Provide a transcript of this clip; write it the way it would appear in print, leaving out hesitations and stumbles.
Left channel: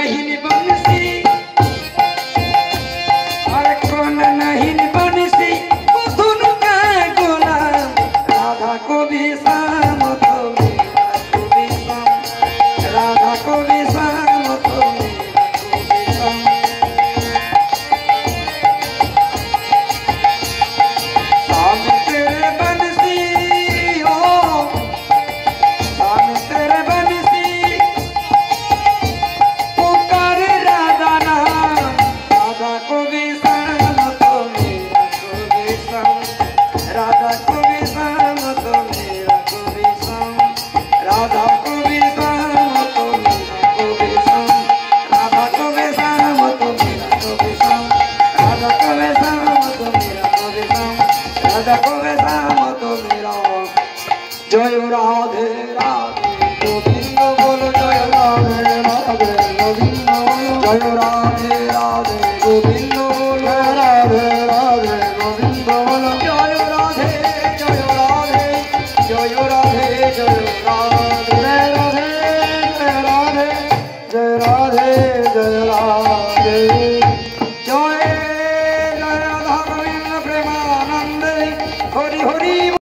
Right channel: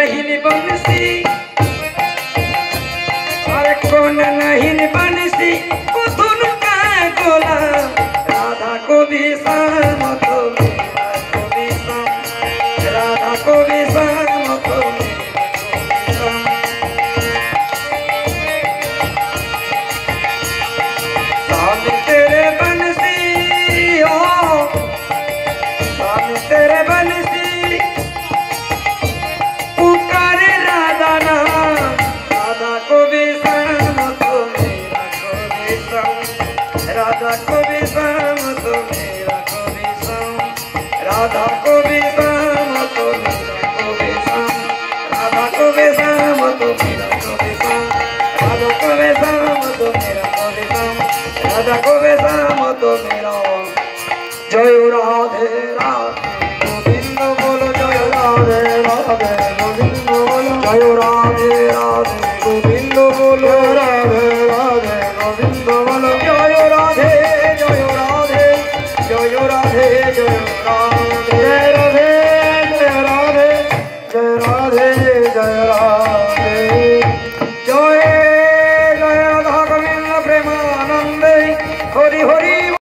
नहीं बंसी अरे कौन नहीं बंसी वो धुन का गोला राधा को भी शाम तो मेरा को भी शाम राधा को भी शाम तो मेरा को भी शाम तेरे बंसी हो शाम तेरे बंसी पुकारे राधा नाम राधा को भी शाम तो मेरा को भी शाम राधा को भी शाम तो मेरा को भी शाम राधा को भी शाम तो मेरा को भी शाम राधा को भी शाम तो मेरा को भी शाम राधा को भी शाम तो मेरा को भी शाम राधा को भी शाम तो मेरा जय राधे राधे गोविंद बोलो जय राधे राधे गोविंद बोलो जय राधे राधे गोविंद बोलो राधे राधे गोविंद बोलो जय राधे जय राधे जय राधे जय राधे जय राधे जय राधे जय राधे जय राधे जय जय राधा गोविंद प्रेमानंद हरि हरि।